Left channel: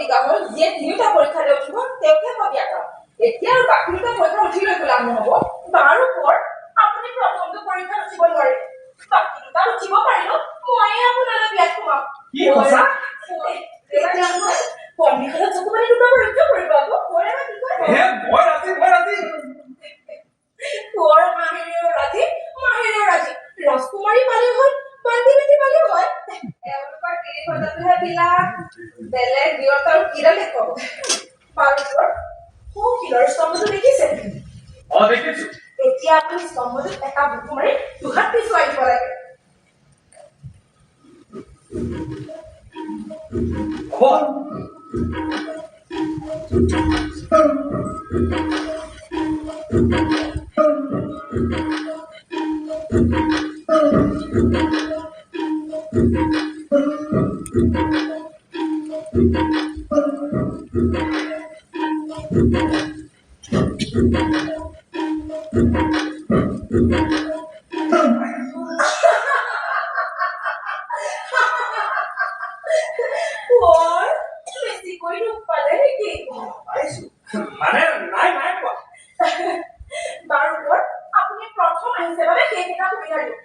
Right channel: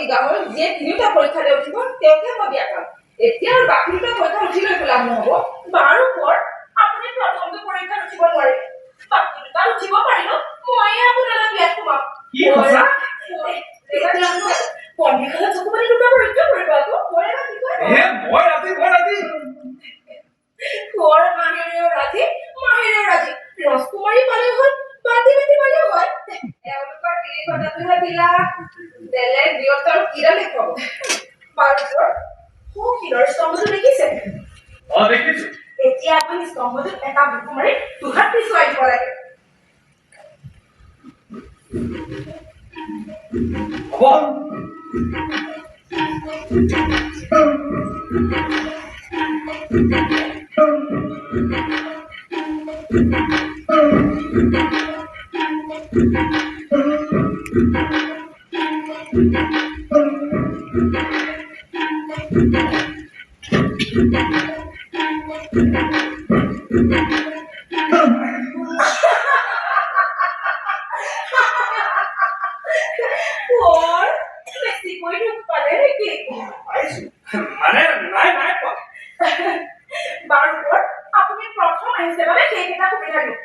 প্ৰতিজ্ঞা হ'ল যে তিনিটা পৰীক্ষাতে উঠিব তেওঁকে মই বিয়া কৰাম। এতিয়া আৰু বাকী দুটা পৰীক্ষা উঠি লৈ পেলাই নহ'ব। বাৰু কোৱাৰ আপুনি প্ৰথমটো পৰীক্ষাত উঠিব নোৱাৰে, বাকী দুটা উঠিব পাৰিব, ময়ে আপোনালৈ বিয়াত সোমাম। কি কৈছা? পণ্ডিতখনত চকু পানী দুটা পৰীক্ষা কৰিব আকৌ ময়ে বাকী কয় মই ৰাজি কোৱাৰ মাহিৰেও ৰাজি, মাহিৰেও ৰাজি। ৰসকুমাৰী পালেও হ'ল, বাতি বাতি পালেও হয়। এওঁলোকৰ তিনি ঘণ্টাটোহে বিলাক বেলেগ বিয়ত আৰু কিৰা দেখুৱাব। বাৰু শিলৰ স্তম্ভটো দেখিছে? দেখিছো। এতিয়া আপুনি স্তম্ভটোত এটা বুকু মাৰি দুহাত পিছুৱাই দিব লাগে। হ'ব। বেছিকৈ দুখ পালে নেকি? মানে নাই পোৱা। বাৰু আপুনি প্ৰথম আহিছে বাবে সেইকেইটা সুবিধা দিওঁ।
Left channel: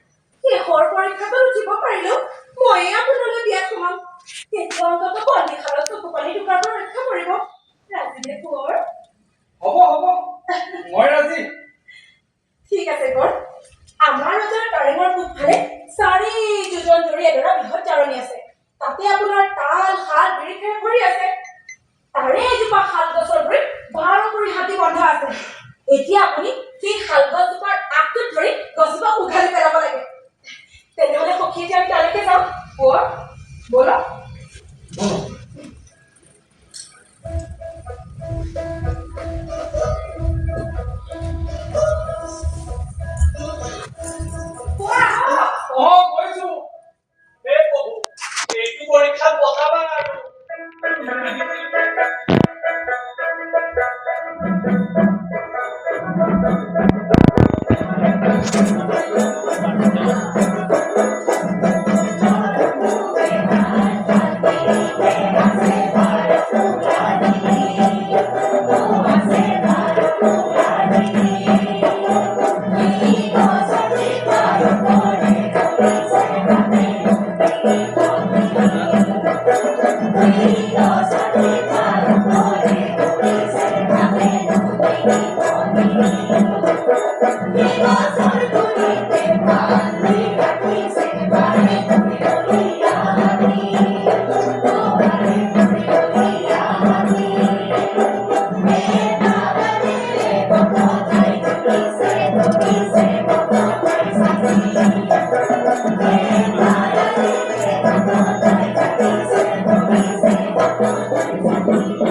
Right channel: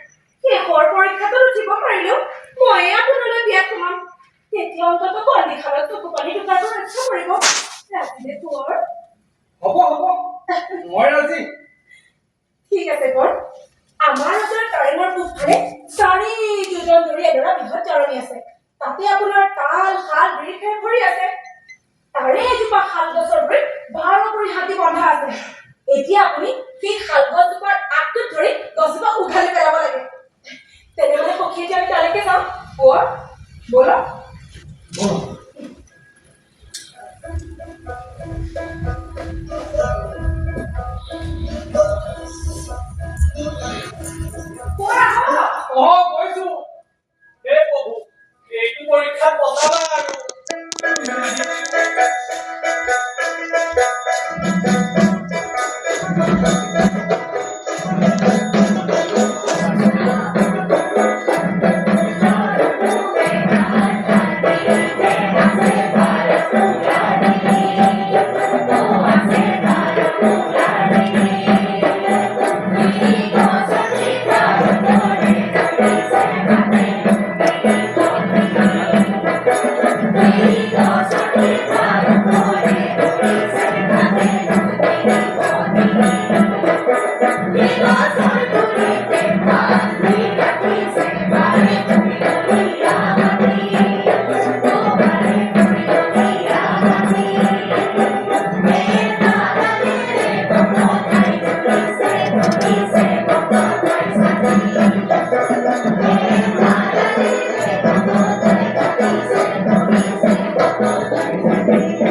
শেষৰ পৰীক্ষাটো উঠিব পাৰিলেও ময়ে আপোনালৈ বিয়াত সোমাম। তেতিয়া অন্তত পণ্ডিতখনত চকু পানী দুটাৰ পৰা ৰক্ষা কৰিব। ৰাজিনে কোঁৱৰ? হ'ব মই ৰাজি। ঠিক আছে আমাৰ ওচৰত কাৰেঙৰ পূবফালে 4 যোজন ধৰি এডৰা বৃহৎ জাৰণি আছে। তাতে আপোনাৰ তাল, শাল, বিৰিখেৰ ভৰি আছে। তাৰে এজোপা শাল গছৰ গুৰিত 12 কৰি হাতী বন্ধা আছে। এতিয়া আপুনি সেই শাল গছজোপাৰ আগটোত ধৰি গছজোপা উঘালি পেলাব লাগে। তেনেহ'লে সখী এতিয়া আমি তালৈকে যাওঁ। ব'লক। কৈছো হে প্ৰভু, এইটো পৰীক্ষাত বচাবা আৰু। Thank you.